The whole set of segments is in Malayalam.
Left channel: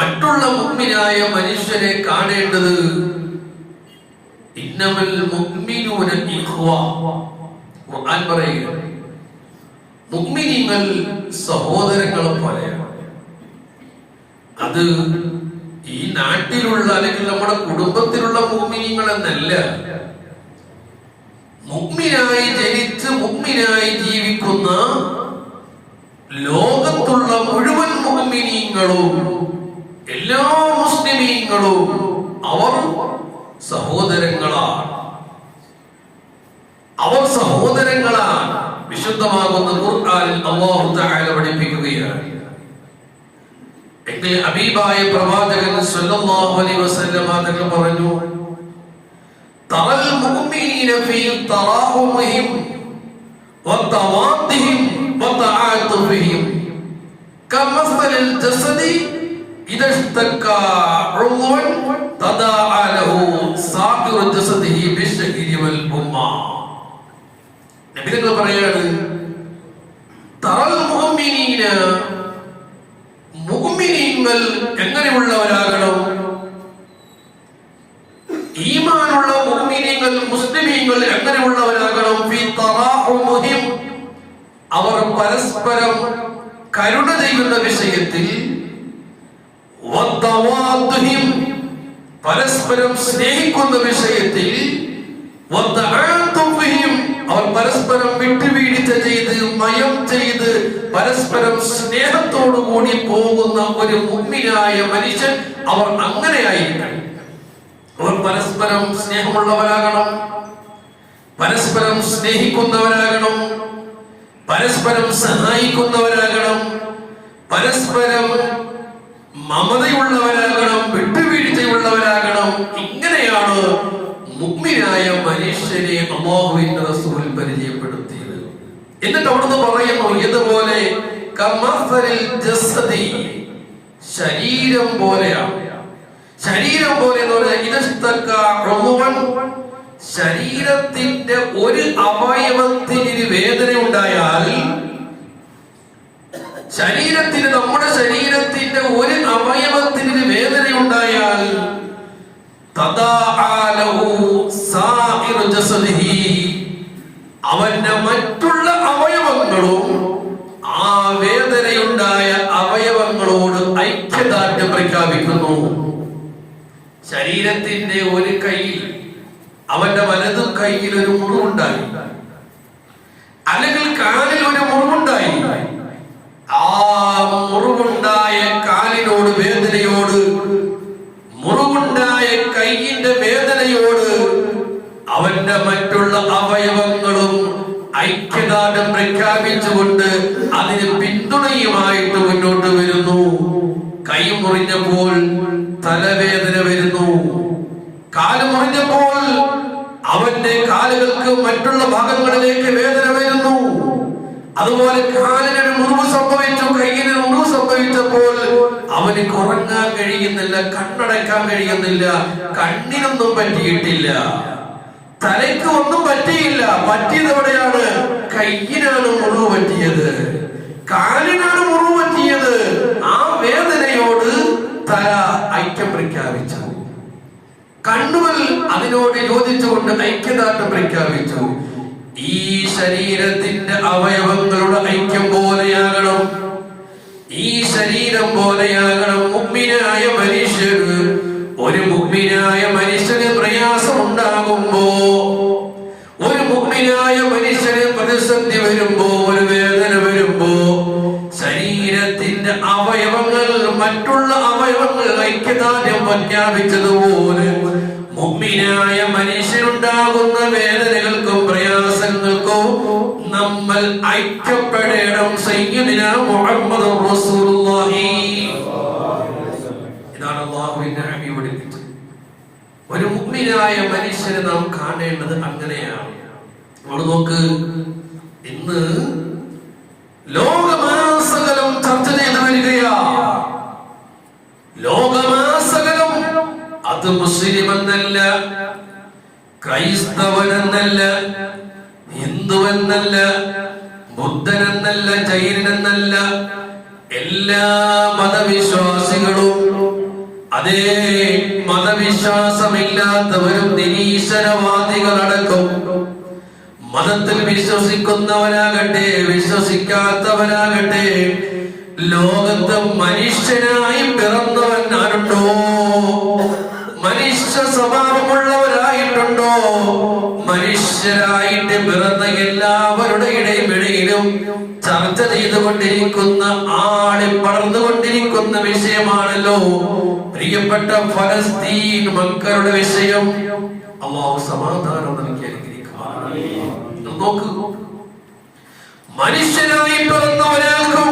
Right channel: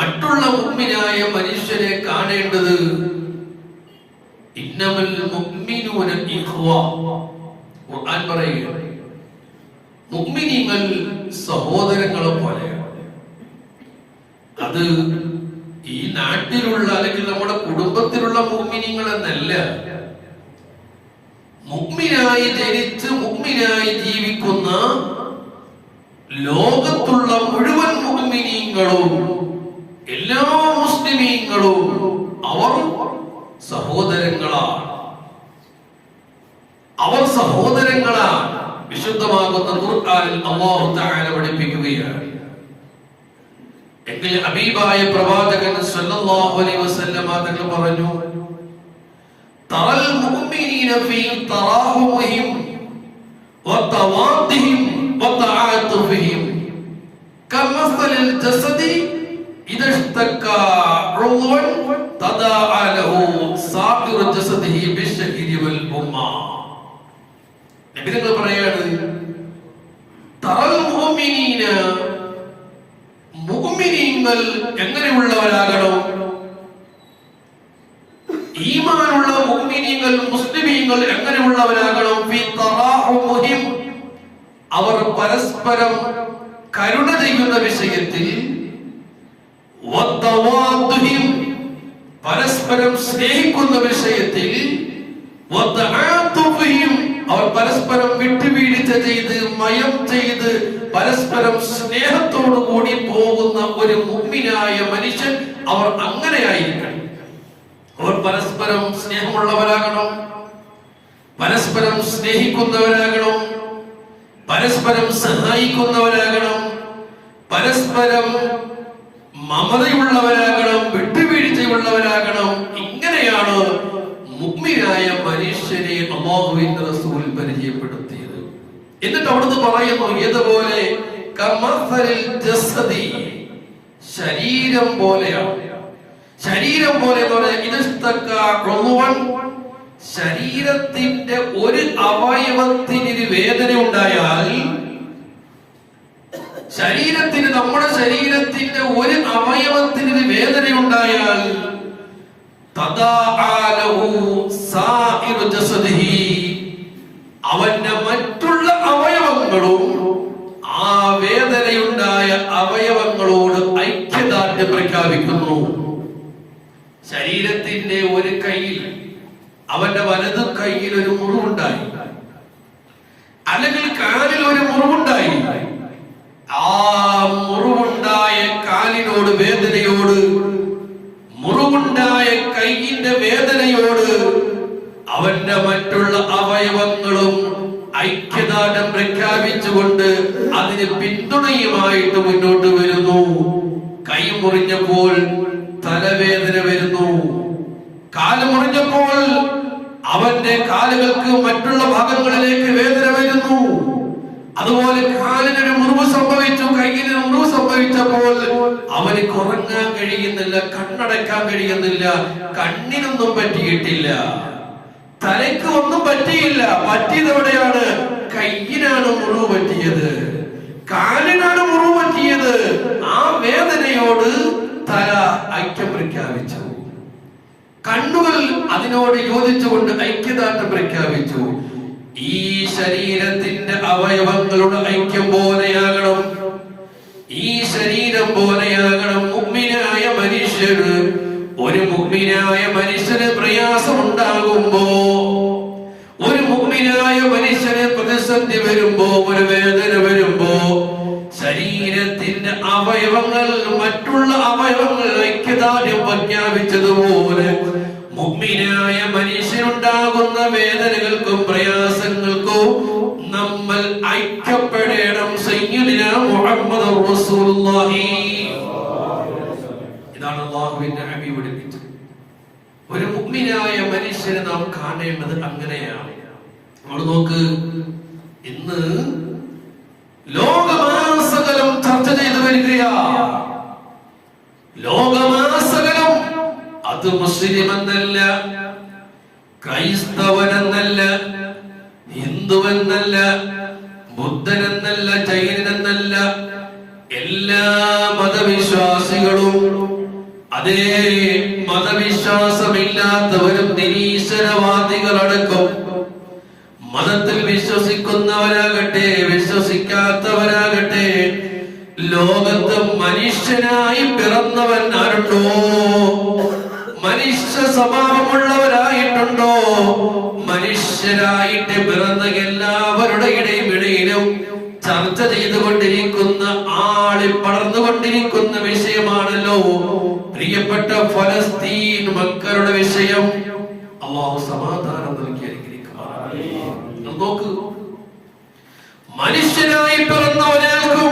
മറ്റുള്ള മുഅ്മിനായ മനുഷ്യരെ കാണേണ്ടത് ഇന്നമൽ മുഅ്മിനൂന ഇഖ്വ. ഖുർആൻ പറയുന്നു മുഅ്മിനീങ്ങൾ സഹോദരങ്ങളെ പോലെയാണ്. അത് ഈ നാട്ടിലുള്ള അല്ലെങ്കിൽ നമ്മുടെ കുടുംബത്തിലുള്ള മുഅ്മിനീങ്ങൾ എന്നല്ല, മുഅ്മിനായി ജനിച്ച് മുഅ്മിനായി ജീവിക്കുന്ന ലോകത്തുള്ള മുഴുവൻ മുഅ്മിനീങ്ങളും എല്ലാ മുസ്ലിമീങ്ങളും അവർ സഹോദരങ്ങളാണ്. അവർ സഹോദരങ്ങളാണ്. വിശുദ്ധമാകുന്ന ഖുർആനിൽ അല്ലാഹു തആല പഠിപ്പിക്കുകയാണ്. എങ്കിൽ ഹബീബായ പ്രവാചകൻ സ്വല്ലല്ലാഹു അലൈഹി വസല്ലം തങ്ങൾ പറഞ്ഞു, തറൽ മുഅ്മിനീന ഫീ തറാഹുമിഹിം വതവാദിഹിം വതആതുഫിഹിം കമസലിൽ ജസദി ഇദാ ഇസ്തകാ ഉളവൻ തദാഅ ലഹു സാഇറു ജസദിഹി ബിശ്ശഹരി വൽ ഉമ്മാ. നബി തങ്ങൾ പറയാണ്, തറൽ മുഅ്മിനീന, മുഅ്മിനീങ്ങൾ എങ്ങനെയുള്ളവരാകണം? ഈമാനുള്ള മുഅ്മിനീങ്ങൾ മുസ്ലിമീങ്ങൾ എങ്ങനെയുള്ളവരാകണം? ഫീ തറാഹുമിഹിം, അവർ പരസ്പരം കരുണ ചെയ്യുന്ന വിഷയത്തിൽ, വതവാദുഹിം, പരസ്പരം സ്നേഹിക്കുന്ന വിഷയത്തിൽ, വതആതുഫിഹിം, അവർ പരസ്പരം വിട്ടുവീഴ്ച ചെയ്ത് മയം ചെയ്ത് പരസ്പരം സ്നേഹത്തോടു കൂടി പോകുന്ന ഒരു മുഅ്മിനായ മനുഷ്യൻ അവർ അങ്ങനെയായിരിക്കണം. അവർ പരസ്പരം സ്നേഹമുള്ളവരാകണം, പരസ്പരം സ്നേഹിക്കുന്നവരാകണം, പരസ്പരം സഹായിക്കുന്നവരാകണം, പരസ്പരം മമതയുള്ളവരാകണം, വിട്ടുവീഴ്ചയുള്ളവരാകണം. ഇങ്ങനെയാണ് മുഅ്മിനായ മനുഷ്യനെ അല്ലാഹുവിന്റെ റസൂൽ പരിചയപ്പെടുത്തിയത്. എന്നിട്ട് അവിടുന്ന് പറയുന്നു, ഇതുപോലെ കമസലിൽ ജസദി, ശരീരം പോലെയാണ്. ശരീരം പോലെ എന്ന് പറഞ്ഞാൽ ഇദസ്തകാ ഉളവൻ, ശരീരത്തിന്റെ ഒരു അവയവത്തിന് വേദന ഉണ്ടായാൽ, ശരീരത്തിന്, നമ്മുടെ ശരീരത്തിന്റെ ഒരു അവയവത്തിന് വേദന ഉണ്ടായാൽ, അവന്റെ മറ്റുള്ള അവയവങ്ങളും ആ വേദനയുണ്ടായ അവയവങ്ങളോട് ഐക്യദാർഢ്യം പ്രഖ്യാപിക്കുന്നു. ശരീരത്തിന്റെ ഒരു കൈയിൽ, അവന്റെ വലതു കൈയിൽ ഒരു മുറിവുണ്ടായി, അല്ലെങ്കിൽ കാലിൽ ഒരു മുറിവുണ്ടായി, ആ മുറിവുണ്ടായ കാലിനോട് വേദനയോട്, മുറിവുണ്ടായ കൈയിന്റെ വേദനയോട് അവന്റെ മറ്റുള്ള അവയവങ്ങളും ഐക്യദാർഢ്യം പ്രഖ്യാപിച്ചുകൊണ്ട് അതിന് പിന്തുണയുമായിട്ട് മുന്നോട്ട് വരുന്നു. കൈ മുറിഞ്ഞപ്പോൾ തലവേദന വരുന്നു, കാല് മുറിഞ്ഞപ്പോൾ അവന്റെ കാലുകൾക്ക് മറ്റുള്ള ഭാഗങ്ങളിലേക്ക് വേദന വരുന്നു. അതുപോലെ കാലിനൊരു മുറിവ് സംഭവിച്ചു, കൈയിന് മുറിവ് സംഭവിച്ചപ്പോൾ അവന് ഉറങ്ങാൻ കഴിയുന്നില്ല, കണ്ണടക്കാൻ കഴിയുന്നില്ല, കണ്ണിനൊന്നും പറ്റിയിട്ടില്ല, തലയ്ക്ക് ഒന്നും പറ്റിയില്ല. പറ്റിയത് എവിടെയാണ്? കയ്യിനാണ് മുറിവ് പറ്റിയത്, കാലിനാണ് മുറിവ് പറ്റിയത്. ആ വേദനയോട് തല ഐക്യം പ്രഖ്യാപിച്ചു, കണ്ണുകൾ അതിനോട് യോജിച്ചുകൊണ്ട് ഐക്യദാർഢ്യം പ്രഖ്യാപിച്ചു. ഈ ശരീരത്തിന്റെ അവയവങ്ങളുടെ ഐക്യം പോലെയാകണം, ഈ ശരീരം പോലെയാകണം മുഅ്മിനായ മനുഷ്യന്. ഒരു മുഅ്മിനായ മനുഷ്യന് പ്രയാസം ഉണ്ടാകുമ്പോ, ഒരു മുഅ്മിനായ മനുഷ്യന് പ്രതിസന്ധി വരുമ്പോ, ഒരു വേദന വരുമ്പോ, ശരീരത്തിന്റെ അവയവങ്ങൾ മറ്റുള്ള അവയവങ്ങൾ ഐക്യദാർഢ്യം പ്രഖ്യാപിച്ചതുപോലെ മുഅ്മിനായ മനുഷ്യനുണ്ടാകുന്ന വേദനകൾക്കും പ്രയാസങ്ങൾക്കും നമ്മൾ ഐക്യപ്പെടണം. സയ്യിദുനാ മുഹമ്മദുർ റസൂലുള്ളാഹി. ഇതാണ് അല്ലാഹുവിന്റെ ഹബീബ് പഠിപ്പിച്ചത്. ഒരു മുഅ്മിനായ മനുഷ്യനെ നാം കാണേണ്ടത് അങ്ങനെയാണ്. നമ്മൾ നോക്ക്, ഇന്ന് ലോകമാസകലം ചർച്ച ചെയ്തു വരികയാ. ലോകമാസകലം, അത് മുസ്ലിം എന്നല്ല, ക്രൈസ്തവനെന്നല്ല, ഹിന്ദുവെന്നല്ല, ബുദ്ധനെന്നല്ല, ജൈനനെന്നല്ല, എല്ലാ മതവിശ്വാസികളും അതേ മതവിശ്വാസമില്ലാത്തവരും നിരീശ്വരവാദികളടക്കം, മതത്തിൽ വിശ്വസിക്കുന്നവരാകട്ടെ വിശ്വസിക്കാത്തവരാകട്ടെ, ലോകത്ത് മനുഷ്യനായി പിറന്നവൻ ആരുണ്ടോ, മനുഷ്യ സ്വഭാവമുള്ളവരായിട്ടുണ്ടോ, മനുഷ്യരായിട്ട് പിറന്ന എല്ലാവരുടെ ഇടയിലും ചർച്ച ചെയ്തുകൊണ്ടിരിക്കുന്ന, ആളി പടർന്നുകൊണ്ടിരിക്കുന്ന വിഷയമാണല്ലോ പ്രിയപ്പെട്ട ഫലസ്തീൻ മക്കളുടെ വിഷയം. അല്ലാഹു സമാധാനം നൽകി അനുഗ്രഹിക്കുമാറാകട്ടെ. നോക്കൂ, മനുഷ്യനായി പിറന്ന ഒരാൾക്കും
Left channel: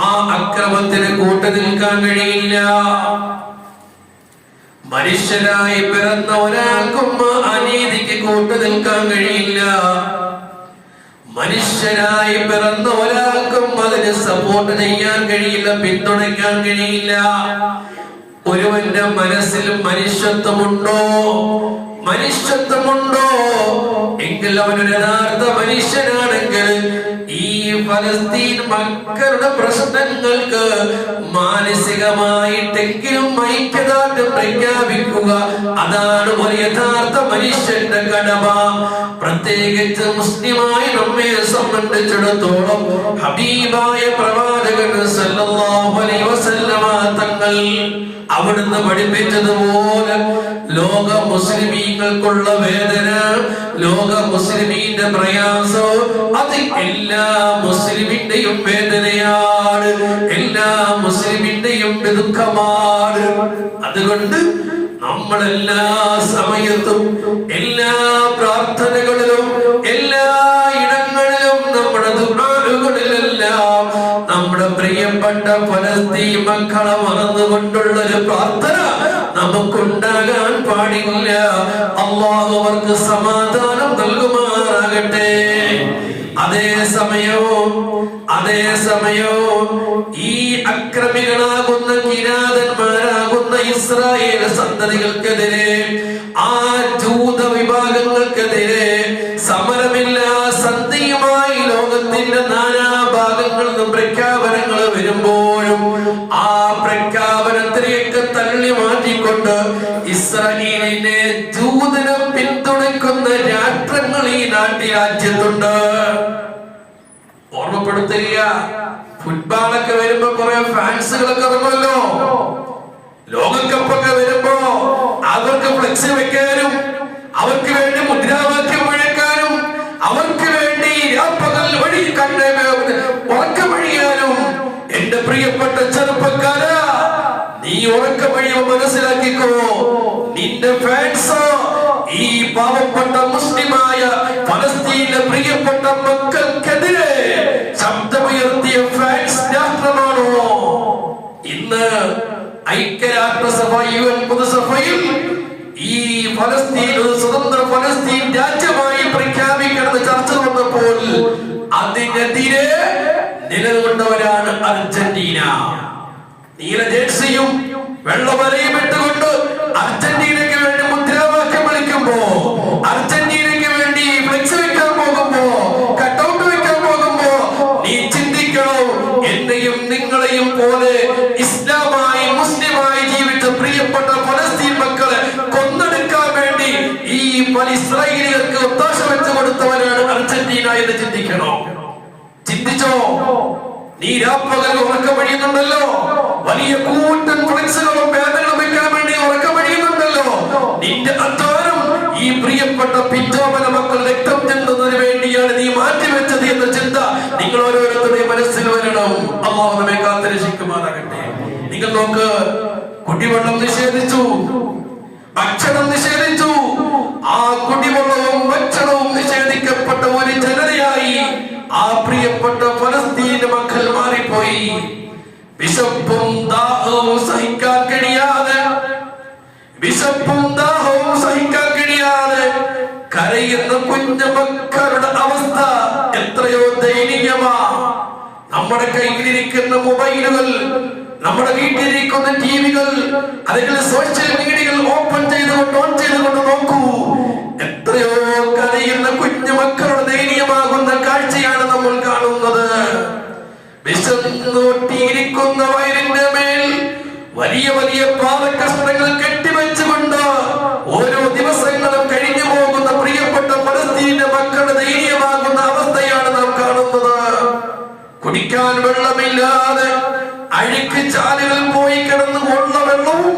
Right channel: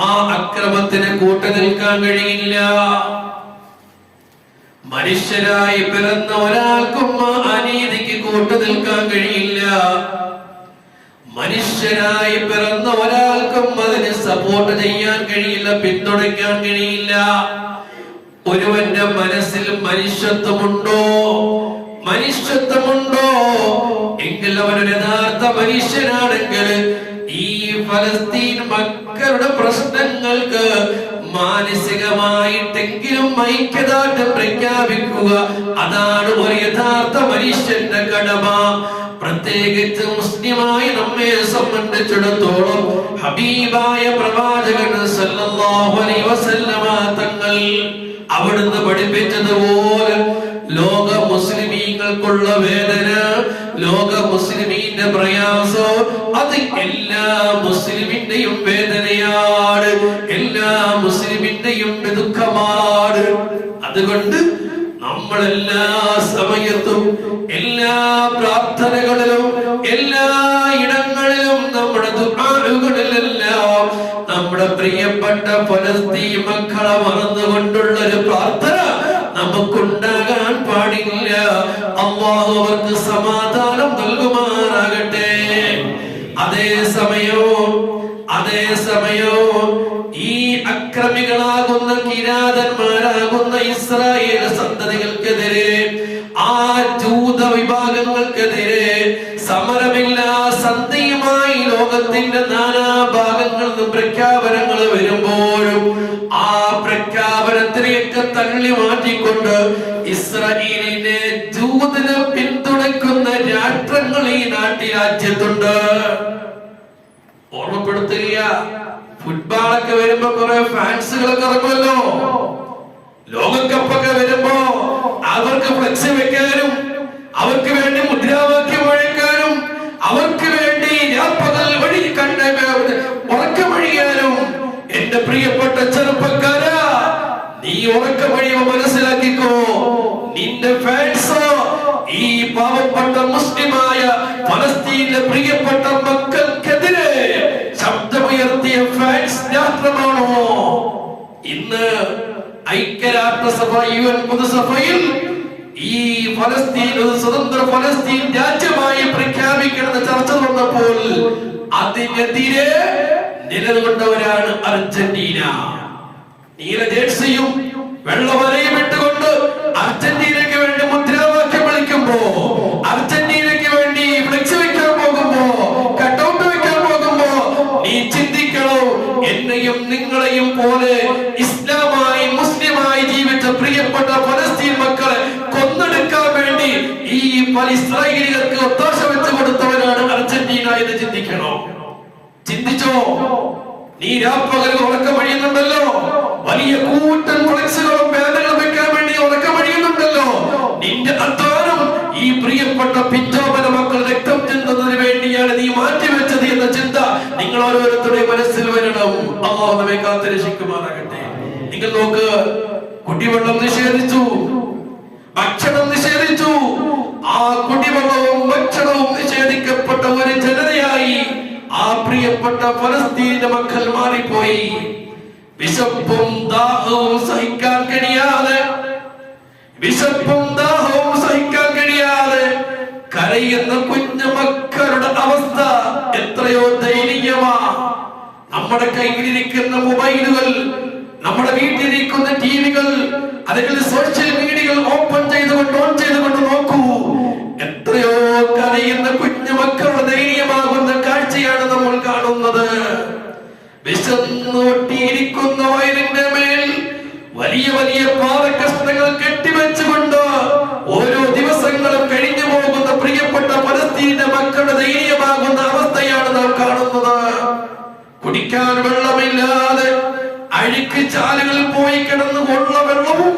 ആ അക്രമത്തിന് കൂട്ടു നിൽക്കാൻ കഴിയില്ല. മനുഷ്യനായി പിറന്ന ഒരാൾക്കും ആ അനീതിക്ക് കൂട്ടു നിൽക്കാൻ കഴിയില്ല. മനുഷ്യനായി പിറന്ന ഒരാൾക്കും അതിന് സപ്പോർട്ട് ചെയ്യാൻ കഴിയില്ല, പിന്തുണയ്ക്കാൻ കഴിയില്ല. ഒരുവന്റെ മനസ്സിൽ മനുഷ്യത്വമുണ്ടോ എങ്കിൽ അവനൊരു യഥാർത്ഥ മനുഷ്യനാണെങ്കിൽ ഈ ഫലസ്തീൻ മക്കളുടെ പ്രശ്നങ്ങൾക്ക് മാനസികമായിട്ടെങ്കിലും ഐക്യദാർഢ്യം പ്രഖ്യാപിക്കുക, അതാണ് ഒരു യഥാർത്ഥ മനുഷ്യന്റെ കടമ. പ്രത്യേകിച്ച് മുസ്ലിമായി നമ്മെ സംബന്ധിച്ചിടത്തോളം ഹബീബായ പ്രവാചകൻ സല്ലല്ലാഹു അലൈഹി വസല്ലമ തങ്ങൾ അവിടുന്ന് പഠിപ്പിച്ചതുപോലെ ലോക മുസ്ലിമീങ്ങൾക്കുള്ള വേദന, ലോക മുസ്ലിമീന്റെ പ്രയാസം, അത് എല്ലാ മുസ്ലിമിന്റെയും വേദനയാണ്, എല്ലാ മുസ്ലിമിന്റെയും ദുഃഖമാണ്. അതുകൊണ്ട് നമ്മളെല്ലാ സമയത്തും, എല്ലാ പ്രാർത്ഥനകളിലും, എല്ലാ ഇടങ്ങളിലും, നമ്മുടെ ദുആകളിലെല്ലാം നമ്മുടെ പ്രിയപ്പെട്ട ഫലസ്തീൻ മക്കളെ മറന്നുകൊണ്ടുള്ളൊരു പ്രാർത്ഥന നമുക്കുണ്ടാകാൻ പാടില്ല. അല്ലാഹു അവർക്ക് സമാധാനം നൽകുമാറാകട്ടെ. അതേസമയവും ഈ അക്രമികളാകുന്ന കിരാതന്മാരാകുന്ന ഇസ്രായേൽ സന്തതികൾക്കെതിരെ, ആ ജൂത വിഭാഗങ്ങൾക്കെതിരെ സമരമില്ലാ സന്ധിയുമായി ലോകത്തിന്റെ നാനാഭാഗങ്ങളിൽ നിന്നും പ്രഖ്യാപനങ്ങൾ വരുമ്പോഴും ആ പ്രഖ്യാപനത്തിലേക്ക് തള്ളി മാറ്റിക്കൊണ്ട് ഇസ്രായേലിന്റെ ജൂതനെ പിന്തുണയ്ക്കുന്ന രാഷ്ട്രങ്ങൾ ഈ രാജ്യത്തുണ്ട്. ഓർമ്മപ്പെടുത്തുക, ഫുട്ബോളൊക്കെ വരുമ്പോ കുറെ ഫാൻസുകളൊക്കെ ഇറങ്ങുമല്ലോ. ലോകകപ്പൊക്കെ വരുമ്പോ അവർക്ക് ഫ്ലെക്സ് വെക്കാനും, അവർക്ക് വേണ്ടി മുദ്രാവാക്യം മുഴക്കാനും, അവർക്ക് വേണ്ടി രാപ്പകൽ വഴി ഉറക്കമഴിയാനും, എന്റെ പ്രിയപ്പെട്ട ചെറുപ്പക്കാരാ, നീ ഉറക്കമഴിയോ മനസ്സിലാക്കിക്കോ, നിന്റെ ഫാൻസ് ഈ പാവപ്പെട്ട മുസ്ലിമായ ഫലസ്തീനിലെ പ്രിയപ്പെട്ട മക്കൾക്കെതിരെ ശബ്ദമുയർത്തിയ ഫാൻസ് രാഷ്ട്രമാണോ? ഇന്ന് ഐക്യരാഷ്ട്രസഭ, UN പൊതുസഭയിൽ ഈ ഫലസ്തീൻ ഒരു സ്വതന്ത്ര ഫലസ്തീൻ രാജ്യമായി പ്രഖ്യാപിക്കണമെന്ന് ചർച്ച വന്നപ്പോൾ അതിനെതിരെ നിലകൊണ്ടവരാണ് അർജന്റീന. നീല ജേഴ്സിയും വെള്ളവലയും ഇട്ടുകൊണ്ട് അർജന്റീനയ്ക്ക് വേണ്ടി മുദ്രാവാക്യം വിളിക്കുമ്പോ, അർജന്റീനയ്ക്ക് വേണ്ടി ഫ്ലെക്സ് വെക്കാൻ പോകുമ്പോ, കട്ടൗട്ട് വെക്കാൻ പോകുമ്പോ നീ ചിന്തിക്കണം, എന്നെയും നിങ്ങളെയും പോലെ ഇസ്ലാമായി മുസ്ലിമായി ജീവിച്ച പ്രിയപ്പെട്ട ഫലസ്തീൻ മക്കളെ കൊന്നെടുക്കാൻ വേണ്ടി ഈ ഇസ്രായേലികൾക്ക് ഒത്താശ വെച്ച് കൊടുത്തവരാണ് അർജന്റീന എന്ന് ചിന്തിക്കണം. ചിന്തിച്ചോ? നീ രാപ്പകൽ ഉറക്കമഴിയുന്നുണ്ടല്ലോ, വലിയ കൂട്ടൻ ഫ്ലെക്സുകളും ബാനറുകളും വെക്കാൻ വേണ്ടി ഉറക്കമഴിയുന്നുണ്ടല്ലോ. നിന്റെ അധ്വാനം ഈ പ്രിയപ്പെട്ട പിഞ്ചോമന മക്കൾ രക്തം ചെന്നതിന് വേണ്ടിയാണ് നീ മാറ്റിവെച്ചത് എന്ന ചിന്ത നിങ്ങൾ ഓരോരുത്തരുടെയും മനസ്സിൽ വരണം. അല്ലാഹു നമ്മെ കാത്തുരക്ഷിക്കുമാറാകട്ടെ. നിങ്ങൾ നോക്ക്, കുടിവെള്ളം നിഷേധിച്ചു, ഭക്ഷണം നിഷേധിച്ചു. ആ കുടിവെള്ളവും ഭക്ഷണവും നിഷേധിക്കപ്പെട്ട ഒരു ജനതയായി ആ പ്രിയപ്പെട്ട ഫലസ്തീന്റെ മക്കൾ മാറിപ്പോയി. വിശപ്പും ദാഹവും സഹിക്കാൻ കഴിയാതെ കരയുന്ന കുഞ്ഞു മക്കളുടെ അവസ്ഥ എത്രയോ ദയനീയമാ. നമ്മുടെ കയ്യിലിരിക്കുന്ന മൊബൈലുകൾ, നമ്മുടെ വീട്ടിലിരിക്കുന്ന ടിവികൾ, അല്ലെങ്കിൽ സോഷ്യൽ മീഡിയകൾ ഓൺ ചെയ്തുകൊണ്ട് നോക്കൂ. എത്രയോ കരയുന്ന കുഞ്ഞു മക്കളുടെ ദയനീയമാകുന്ന കാഴ്ചയാണ് നമ്മൾ കാണുന്നത്. വിശന്നൊട്ടിയിരിക്കുന്ന വയറിന്റെ മേൽ വലിയ വലിയ പാറക്കഷ്ണങ്ങൾ കെട്ടിവെച്ചുകൊണ്ട് ഓരോ ദിവസങ്ങളും കഴിഞ്ഞു പോകുന്ന പ്രിയപ്പെട്ട പലസ്തീന്റെ മക്കളുടെ ദയനീയമാകുന്ന അവസ്ഥയാണ് നാം കാണുന്നത്. കുടിക്കാൻ വെള്ളമില്ലാതെ അഴുക്ക് ചാലുകളിൽ പോയി കിടന്ന് ഉള്ള വെള്ളവും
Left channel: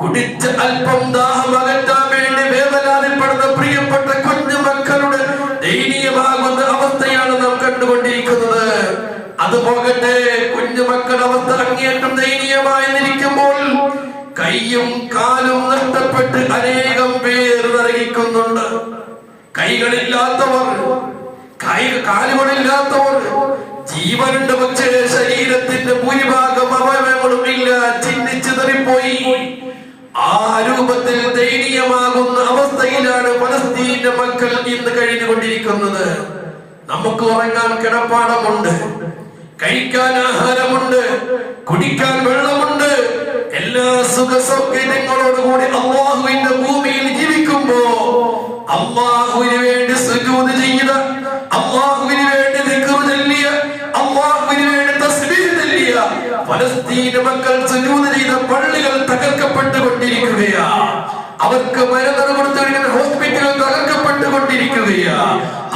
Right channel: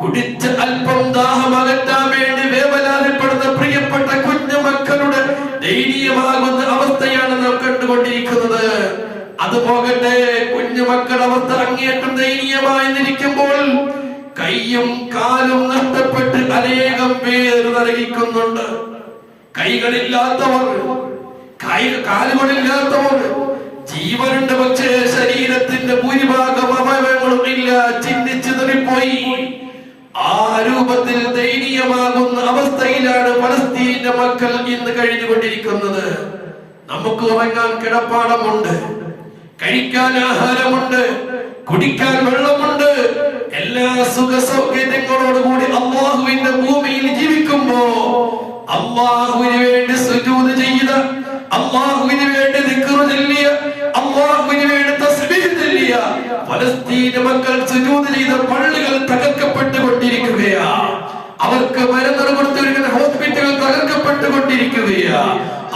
കുടിച്ച് അല്പം ദാഹം അകറ്റാൻ വേണ്ടി വേവലാതിപ്പെടുന്ന പ്രിയപ്പെട്ട കുഞ്ഞു മക്കളുടെ ദയനീയമാകുന്ന അവസ്ഥയാണ് നാം കണ്ടുകൊണ്ടിരിക്കുന്നത്. അത് പോകട്ടെ, കുഞ്ഞു മക്കളുടെ അവസ്ഥ അങ്ങേറ്റം ദയനീയമായി നിൽക്കുമ്പോൾ കൈയും കാലും നഷ്ടപ്പെട്ട് അനേകം പേർ നരകിക്കുന്നുണ്ട്. കൈകളില്ലാത്തവർ, കാലുകളില്ലാത്തവർ, ജീവനുണ്ട് പക്ഷേ ശരീരത്തിന്റെ ഭൂരിഭാഗം അവയവങ്ങളും ഇല്ല, ചിന്നിച്ചിതറിപ്പോയി. ആ രൂപത്തിൽ ദയനീയമാകുന്ന അവസ്ഥയിലാണ് പലസ്തീന്റെ മക്കൾ ഇന്ന് കഴിഞ്ഞുകൊണ്ടിരിക്കുന്നത്. നമുക്ക് ഉറങ്ങാൻ കിടപ്പാടമുണ്ട്, കഴിക്കാൻ ആഹാരമുണ്ട്, കുടിക്കാൻ വെള്ളമുണ്ട്, എല്ലാ സുഖ സൗകര്യങ്ങളോടുകൂടി അല്ലാഹുവിന്റെ ഭൂമിയിൽ ജീവിക്കുമ്പോ അല്ലാഹുവിന് വേണ്ടി സുജൂദ് ചെയ്ത, അല്ലാഹുവിന് വേണ്ടി ദിക്ർ ചൊല്ലിയ, അല്ലാഹുവിന് വേണ്ടി തസ്ബീഹ് ചൊല്ലിയ ഫലസ്തീൻ മക്കൾ സുജൂദ് ചെയ്ത പള്ളികൾ തകർക്കപ്പെട്ടുകൊണ്ടിരിക്കുകയാ. അവർക്ക് മരുന്ന് കൊടുത്തിരിക്കുന്ന ഹോസ്പിറ്റലുകൾ തകർക്കപ്പെട്ടുകൊണ്ടിരിക്കുകയാ.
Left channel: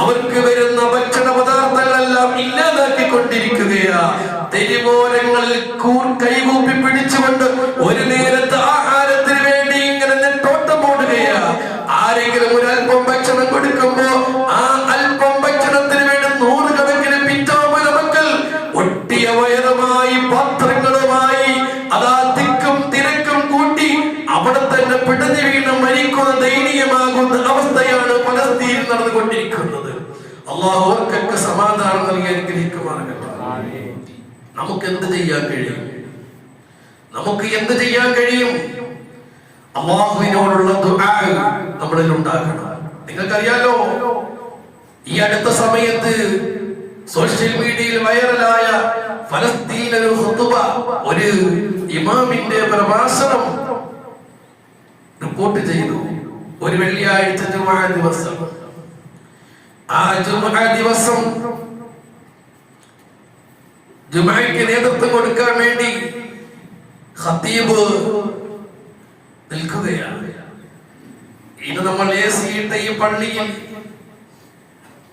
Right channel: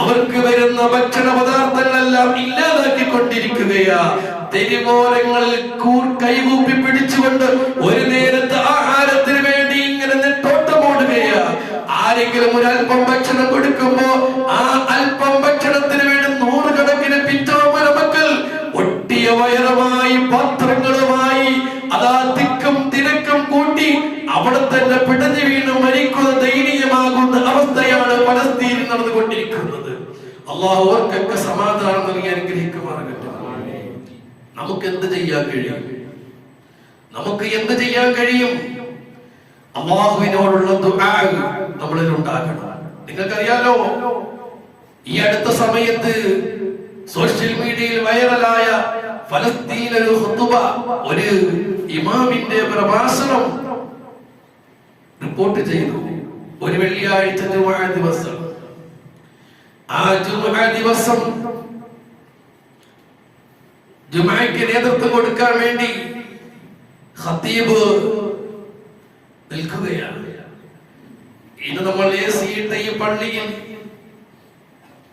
അവർക്ക് വരുന്ന ഭക്ഷണ പദാർത്ഥങ്ങളെല്ലാം ഇല്ലാതാക്കിക്കൊണ്ടിരിക്കുകയാ. തെരുവോരങ്ങളിൽ കൈകൂപ്പി പിടിച്ചുകൊണ്ട് ഒരു നേരത്തെ ആഹാരത്തിന് വേണ്ടി ഇങ്ങനെ നെട്ടോട്ടം ഓടുകയാ. ആരെങ്കിലും ഒരല്പം ഭക്ഷണം കൊടുക്കുമ്പോ ആ അല്പം ഭക്ഷണത്തിന് വേണ്ടി നൂറുകണക്കിന് പിറ്റോമന മക്കൾ ഒട്ടിയ വയറുമായി പാത്രങ്ങളുമായി അതാ തിക്കും തിരക്കും കൂട്ടി അവിടെ തന്നെ പിടഞ്ഞു വീണ് മരിക്കുന്ന ദയനീയമാകുന്ന അവസ്ഥയാണ് പലസ്തീനിൽ നടന്നുകൊണ്ടിരിക്കുന്നത്. അല്ലാഹു അവർക്കൊക്കെ സമാധാനം നൽകി അനുഗ്രഹിക്കുമാറാകട്ടെ. നമുക്ക് എന്ത് ചെയ്യാൻ കഴിയും? നമുക്ക് എന്ത് ചെയ്യാൻ കഴിയും? അല്ലാഹുവിനോടുള്ള ദുആ നമ്മളിൽ ഉണ്ടാകണം. നിങ്ങൾക്കറിയാലോ, ഈ അടുത്ത സമയത്ത് സോഷ്യൽ മീഡിയയിൽ വൈറലായ ഫലസ്തീൻ ഒരു ഖുതുബ, ഒരു ഇമാമിന്റെ പ്രഭാഷണം റിപ്പോർട്ട് ചെയ്തു. ഒരു വെള്ളിയാഴ്ച ജുമുഅ ദിവസം, ആ ജുമുഅ ദിവസം ജുമുഅയ്ക്ക് നേതൃത്വം കൊടുക്കാൻ വേണ്ടി ഖതീബ് നിൽക്കുകയാണ്. ഇന്ന് നമ്മൾ ഇട്ട ഈ പള്ളിയിൽ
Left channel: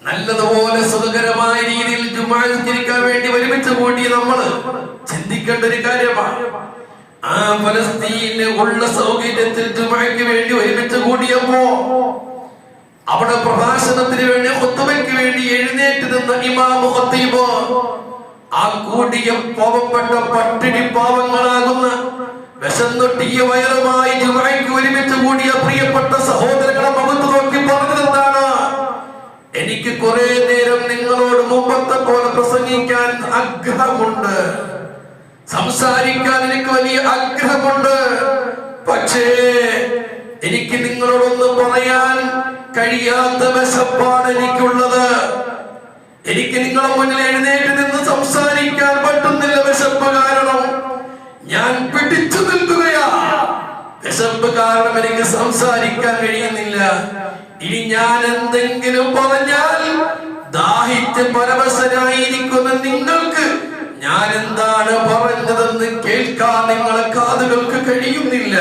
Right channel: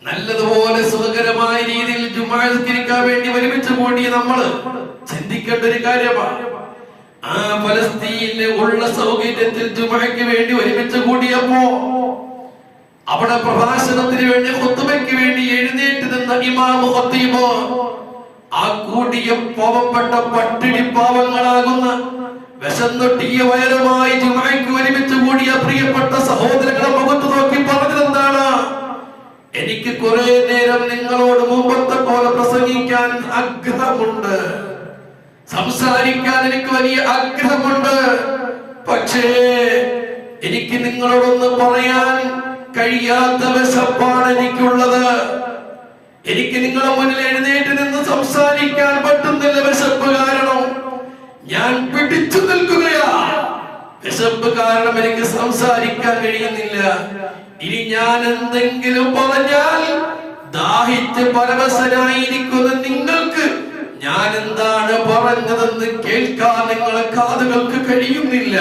നല്ലതുപോലെ സുഖകരമായ രീതിയിൽ ജുമുഅ നിസ്കരിക്കാൻ വേണ്ടി ഒരുമിച്ച് കൂടി നമ്മൾ ചിന്തിക്കേണ്ട ഒരു കാര്യമാണ്. ആ ഫലസ്തീനിൽ ഉള്ള സൗകര്യത്തിൽ ജുമുഅയ്ക്ക് വേണ്ടി ഒരുമിച്ച് കൂടിയപ്പോ അവിടെ പ്രഭാഷണത്തിന് വേണ്ടി ഖുതുബയ്ക്ക് വേണ്ടി എഴുന്നേറ്റ് നിന്ന ഇമാം ഖതീബ് ആ കൂടിയ പാവപ്പെട്ട പട്ടിണി പാവങ്ങളാകുന്ന വിശന്നൊട്ടിയ വയറുമായി ജുമുഅയ്ക്ക് ഒരുമിച്ച് കൂടിയ പ്രിയപ്പെട്ട സഹോദരങ്ങളെ മുഖത്ത് നോക്കി പറഞ്ഞതെന്താണ്? എനിക്ക് കുറെ നേരം നിങ്ങളോട് മുമ്പത്തെ പോലെ പ്രസംഗിക്കാൻ ആഗ്രഹമുണ്ട്, സംസാരിക്കാൻ എനിക്ക് വലിയ ആഗ്രഹമുണ്ട്. പക്ഷേ എനിക്ക് നിങ്ങളോടൊന്ന് പറയാൻ കഴിയാത്ത വിശപ്പാണ് എനിക്കുള്ളത്. എനിക്ക് നിങ്ങളെ മുന്നിൽ എഴുന്നേറ്റ് നിന്ന് സംസാരിക്കാൻ പറ്റുന്നില്ല. വിശപ്പ് കാരണം ഞാൻ പിടിച്ചു നിൽക്കുകയാ. വിശപ്പ് കാരണം എനിക്ക് സംസാരിക്കാൻ കഴിയുന്നില്ല. ഇനി ഞാൻ എന്തെങ്കിലും പറഞ്ഞാൽ ദാഹിച്ച് പരവശനായിരിക്കുന്ന നിങ്ങൾക്ക് ഞാൻ എന്താണ് പറഞ്ഞതെന്ന് കേൾക്കാൻ നിങ്ങളെ കാതുകൾക്ക് കഴിയുന്നില്ല.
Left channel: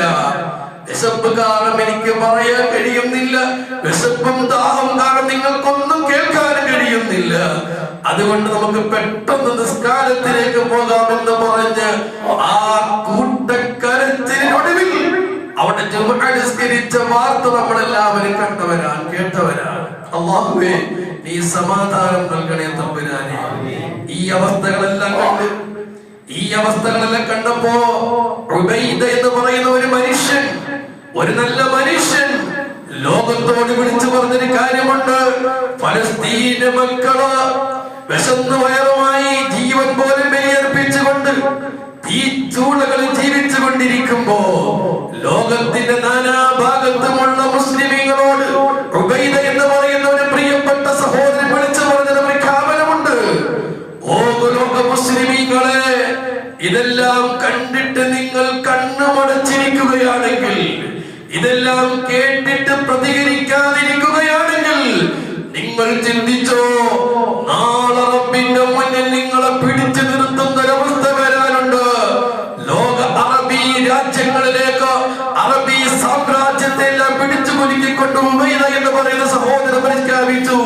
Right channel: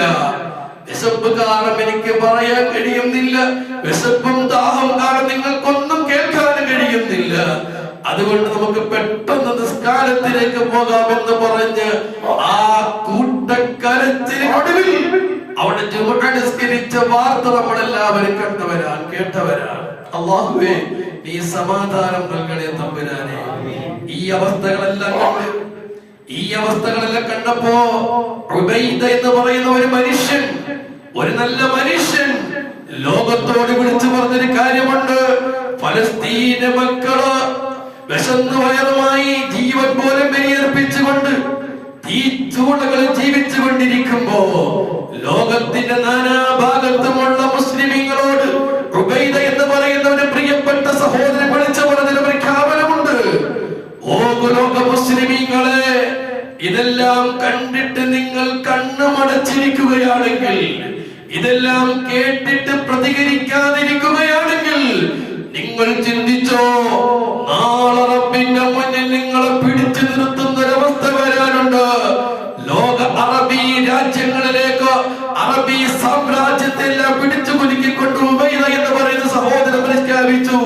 വിശപ്പ് കാരണം എനിക്ക് പറയാൻ കഴിയുന്നില്ല. വിശപ്പും ദാഹം കാരണം നിങ്ങൾക്കൊന്നും കേൾക്കാൻ കഴിയുന്നില്ല. അതുകൊണ്ട് നമുക്ക് പെട്ടെന്ന് നിസ്കാരത്തിലേക്ക് പോകാമെന്ന് പറഞ്ഞ് ആ കൂട്ടക്കരച്ചിനൊടുവിൽ അവിടെ ജുമുഅ നിസ്കരിച്ച വാർത്ത നമ്മളെല്ലാവരും കണ്ടവരാണ്, കേട്ടവരാണ്. അല്ലാഹുവേ, നീ സമാധാനം നൽകണേ തമ്പുരാനെ. ഈ അവസ്ഥകളെല്ലാം കണ്ടപ്പോ ഉബൈദ എന്ന് പറയുന്ന ഒരു മനുഷ്യൻ, ഒരു നല്ല മനുഷ്യൻ ലോകത്തോട് വിളിച്ചു പറഞ്ഞൊരു കാര്യമുണ്ട്. ഫലസ്തീന്റെ മക്കള് വിശന്ന് വയറുമായി ജീവൻ പോലും ബലിയർപ്പിച്ചുകൊണ്ട് ഈ ചൂളകളിൽ ജീവിച്ചു കൊണ്ടിരിക്കുമ്പോ ലോകത്തിന്റെ നാനാഭാഗത്തുമുള്ള മുസ്ലിമീങ്ങളോട് ഉബൈദ എന്ന് പറയുന്ന ഒരു പ്രിയപ്പെട്ട സഹോദരൻ വിളിച്ചു പറഞ്ഞൊരു പ്രഖ്യാപനമുണ്ട്. ഓ ലോക മുസ്ലിമീങ്ങളെ, ഇതെല്ലാം കണ്ടിട്ട് നിങ്ങൾ കണ്ണുമടച്ചിരിക്കുകയാണെങ്കിൽ, ഇതെല്ലാം കേട്ടിട്ട് പ്രതികരിക്കാതിരിക്കുകയാണെങ്കിൽ നിങ്ങൾ ചിന്തിച്ചോ, നാളെ റബ്ബിന്റെ മുന്നിൽ നിങ്ങളെ പിടിച്ചു നിർത്തുന്ന ഒരവസ്ഥ വരാനുണ്ട്. ലോക അറബി അറബി രാജ്യങ്ങളിലേക്ക്, അറബി സാമ്രാജ്യത്തെല്ലാം പിടിച്ചു കുലുക്കിക്കൊണ്ട് ഉബൈദ എന്ന് പറയുന്ന സഹോദരൻ പ്രഖ്യാപിച്ചു,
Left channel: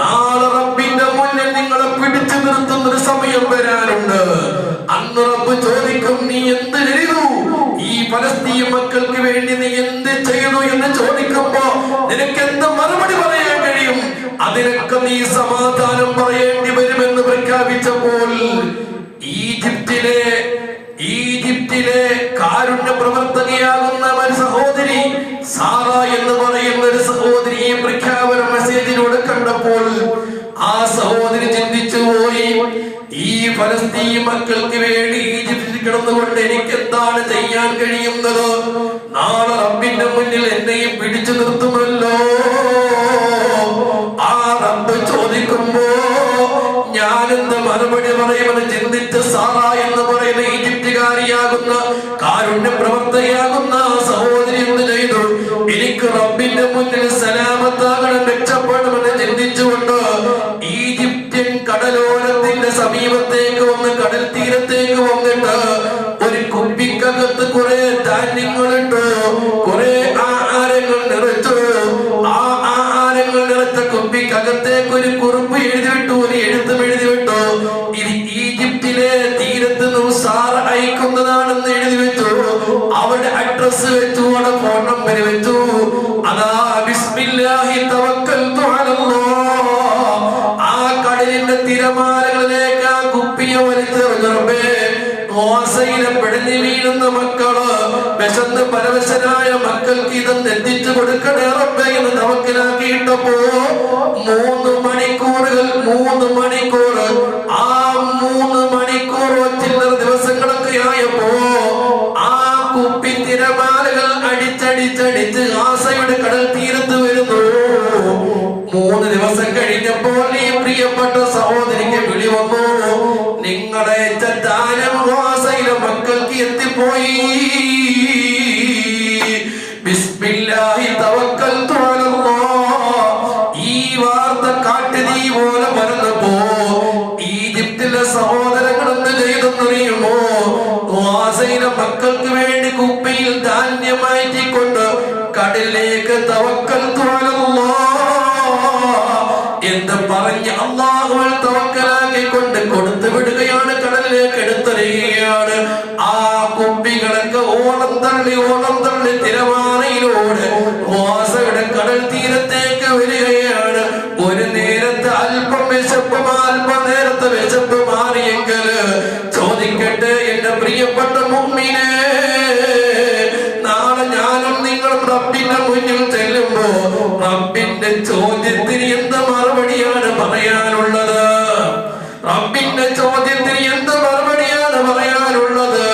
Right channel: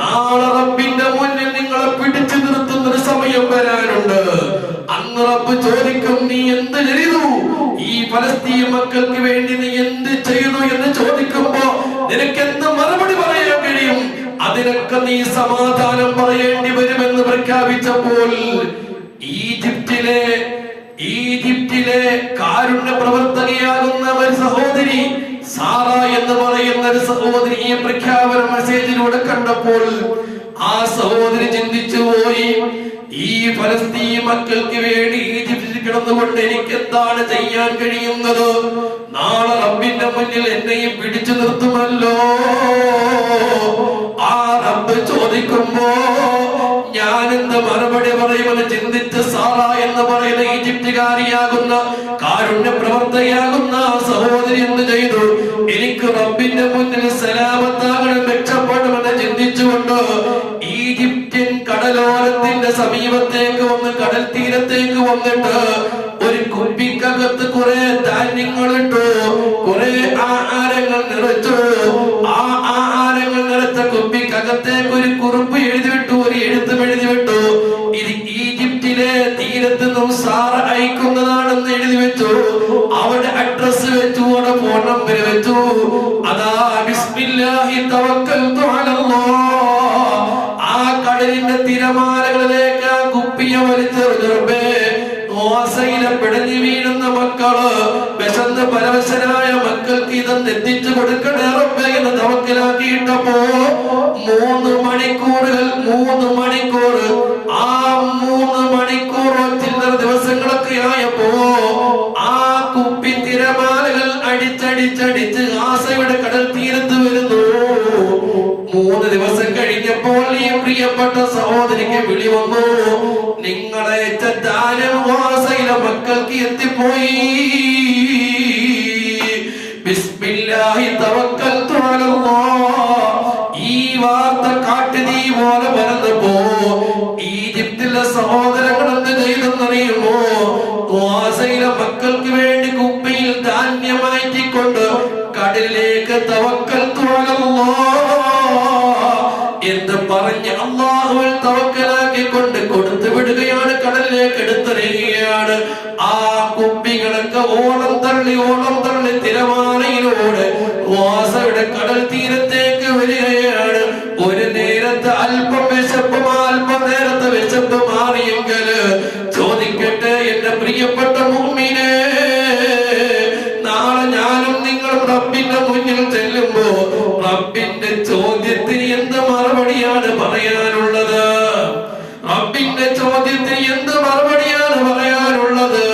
നാളെ റബ്ബിന്റെ മുന്നിൽ നിങ്ങളെ പിടിച്ചു നിർത്തുന്ന ഒരു സമയം വരാനുണ്ട്. അന്ന് റബ്ബ് ചോദിക്കും, നീ എന്ത് ചെയ്തു? ഈ ഫലസ്തീൻ മക്കൾക്ക് വേണ്ടി നീ എന്ത് ചെയ്തു എന്ന് ചോദിക്കുമ്പോ നിനക്ക് എന്ത് മറുപടി പറയാൻ കഴിയും? അതിനൊക്കെ നീ സമാധാനം പറയേണ്ടി വരുമെന്ന് പ്രഖ്യാപിച്ചപ്പോൾ ഈജിപ്തിലെ കാരുണ്യ പ്രവർത്തകയാകുന്ന ഒരു സഹോദരി സാറ എന്ന് പറയുന്ന ഒരു സഹോദരിയെ പ്രഖ്യാപന മെസ്സേജിലൂടെ കണ്ടപ്പോൾ ആ സഹോദരി ചിന്തിച്ചു പോയി, ഈ ഫലസ്തീൻ മക്കൾക്ക് വേണ്ടി ഈജിപ്തിൽ കിടന്നുകൊണ്ട് എനിക്ക് എന്താണ് ചെയ്യാൻ കഴിയുന്നത്? നാളെ റബ്ബിന്റെ മുന്നിൽ എന്നെയും പിടിച്ചു നിർത്തുമല്ലോ. ആ റബ്ബ് ചോദിക്കുമ്പോ ഞാൻ എന്ത് മറുപടി പറയുമെന്ന് ചിന്തിച്ച് സാറ എന്ന് പറയുന്ന ഈജിപ്തുകാരിയാകുന്ന കാരുണ്യ പ്രവർത്തകയാകുന്ന സഹോദരി എന്ത് ചെയ്തു? എനിക്ക് റബ്ബിന്റെ മുന്നിൽ സലാമത്താകണം, രക്ഷപ്പെടണമെന്ന് ചിന്തിച്ചുകൊണ്ട് ഈജിപ്ഷ്യൻ കടലോരത്തിന്റെ സമീപത്തേക്ക് വന്ന് കടൽ തീരത്തേക്ക് വന്നിട്ട് ഒരു കുപ്പിക്കകത്ത് കുറെ ധാന്യങ്ങളിട്ടു, കുറെ ആഹാരങ്ങൾ നിറച്ചു. ആ ആഹാരങ്ങൾ നിറച്ച കുപ്പിക്കകത്തേക്ക് ഒരു കുറിപ്പ് എഴുതിവിട്ടു, ഒരു എഴുത്തും എഴുതിവിട്ടു. ഇത് ഈജിപ്തിലെ തീരത്ത് നിന്നും സാറ അയക്കുന്നതാണെന്ന് എഴുതി വെച്ചു. അവിടെ അഡ്രസ് വെച്ചു, അവിടെ ഫോൺ നമ്പർ വെച്ചു. അതാ ബിസ്മില്ലാഹി തവക്കൽതു അലല്ലാഹ്. ആ കടലിന്റെ തിരമാലകളിലേക്ക് ആ കുപ്പിയെ വലിച്ചെറിഞ്ഞേ ഓസയിലെ പിടഞ്ഞു വീഴുന്ന മക്കള്, വിശന്ന് പരവശനായ മക്കൾക്ക് ഇതെന്ന് എത്തിച്ചു കൊടുക്കണേ റബ്ബേ എന്ന് തവക്കലാക്കിയിട്ടപ്പോ 3 മണിക്കൂർ ആ 3 മണിക്കൂർ ചില്ലറ ദിവസങ്ങളൊക്കെ ആയപ്പോ ആ കുപ്പി തിരമാലകൾ അടിച്ചടിച്ചടിച്ച് ആസയുടെ കടൽ തീരത്ത് വരുന്നു. 3 ദിവസം കഴിഞ്ഞപ്പോൾ ഈ പ്രിയപ്പെട്ട സഹോദരിക്ക് വിളി വന്നു, നിങ്ങളെ ധാന്യം ആസയിലെ മക്കൾക്ക് എത്തിപ്പോയി. ബിസ്മില്ലാഹി തവക്കൽതു അലല്ലാഹ്. ഈ വാർത്ത കാട്ടുതീ പോലെ പറഞ്ഞപ്പോ ഈജിപ്തിലെ സഹോദരങ്ങൾ എന്ത് ചെയ്തെന്നറിയുമോ? ആസയിലെ മക്കൾക്ക് വേണ്ടി കുപ്പിയിൽ ധാന്യം മാറ്റിക്കൊണ്ട് കടലിലേക്ക് തവക്കൽതു അലല്ലാഹ് എന്ന് പറഞ്ഞ് അല്ലാഹുവിൽ തവക്കലാക്കിക്കൊണ്ട് കൊടുത്തു വിടുകയാണ്, കടലിലേക്ക് എടുത്തെറിയുകയാണ്. ആ കുപ്പികളൊക്കെ ഓളം തള്ളി തിരമാലയിലൂടെ ഓസയുടെ കടൽ തീരത്തേക്ക് വരികയാണ്. ഒരു നേരത്തെ അല്പം നേരത്തെ വിശപ്പ് മാറിയെങ്കിൽ ചോദിക്കട്ടെ എന്റെ പ്രിയപ്പെട്ട മുഅ്മിനേ, നാളെ ഞാനും നിങ്ങളും റബ്ബിന്റെ മുന്നിൽ ചെല്ലുമ്പോ റബ്ബിന്റെ ചോദ്യത്തിന് എന്ത് മറുപടിയാണ് പറയാനുള്ളത്? റബ്ബിന്റെ ചോദ്യത്തിന് എന്ത് മറുപടിയാണ് പറയാനുള്ളത്?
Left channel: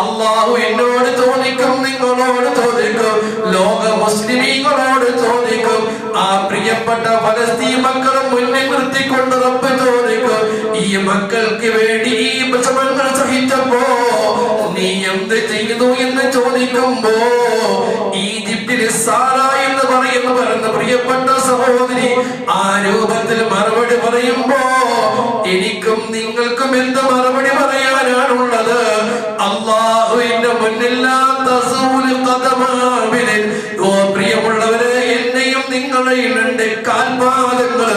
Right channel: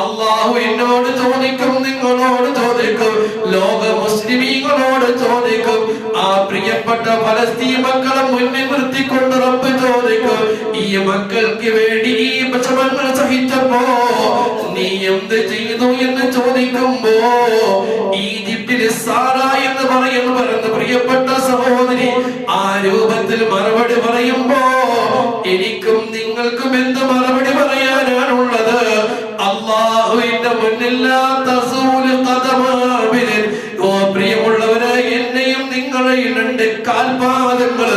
അല്ലാഹു എന്നോട് ചോദിക്കും, നിങ്ങളോട് ചോദിക്കും, ലോക മുസ്ലിമീങ്ങളോട് ചോദിക്കും. ആ പ്രിയപ്പെട്ട ഫലസ്തീൻ മക്കളെ മുന്നിൽ നിർത്തിക്കൊണ്ട് റബ്ബ് ചോദിക്കും, ഈ മക്കൾക്ക് വേണ്ടി ഈ വിഷമങ്ങൾ സഹിച്ചപ്പോ നീ എന്ത് ചെയ്തു എന്ന് ചോദിക്കുമ്പോ ഈജിപ്തിലെ സാറ എന്ന് പറയുന്ന പ്രിയപ്പെട്ട സഹോദരി ആ രൂപത്തിൽ മറുപടി പറയുമ്പോ എനിക്കും നിങ്ങൾക്കും എന്ത് മറുപടി പറയാനാണുള്ളത്? അല്ലാഹുവിന്റെ മുന്നിൽ ഓ പ്രിയമുള്ളവരെ, എന്നെയും നിങ്ങളെയും 2 കാൽപാദങ്ങൾ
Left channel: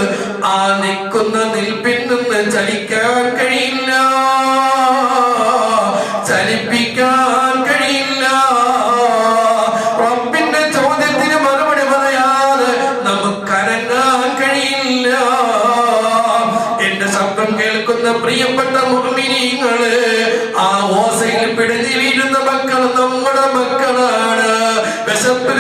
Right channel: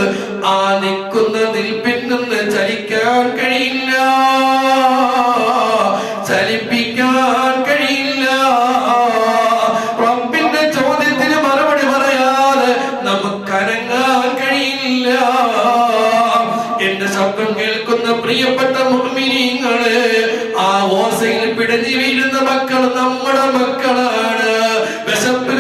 ആ നിൽക്കുന്ന നിൽപ്പിൽ നിന്ന് ചലിക്കാൻ കഴിയില്ല, ചലിപ്പിക്കാൻ കഴിയില്ല. റബ്ബിന്റെ ചോദ്യത്തിന് മറുപടി പറയാതെ നമുക്കനങ്ങാൻ കഴിയില്ല. എന്റെ ശബ്ദം കേൾക്കുന്ന പ്രിയപ്പെട്ട മുഅ്മിനീങ്ങളെ, ആ ഓസയിൽ പിടഞ്ഞു വീഴുന്ന മക്കൾ നമ്മുടെ മക്കളാണ്. വിശപ്പ്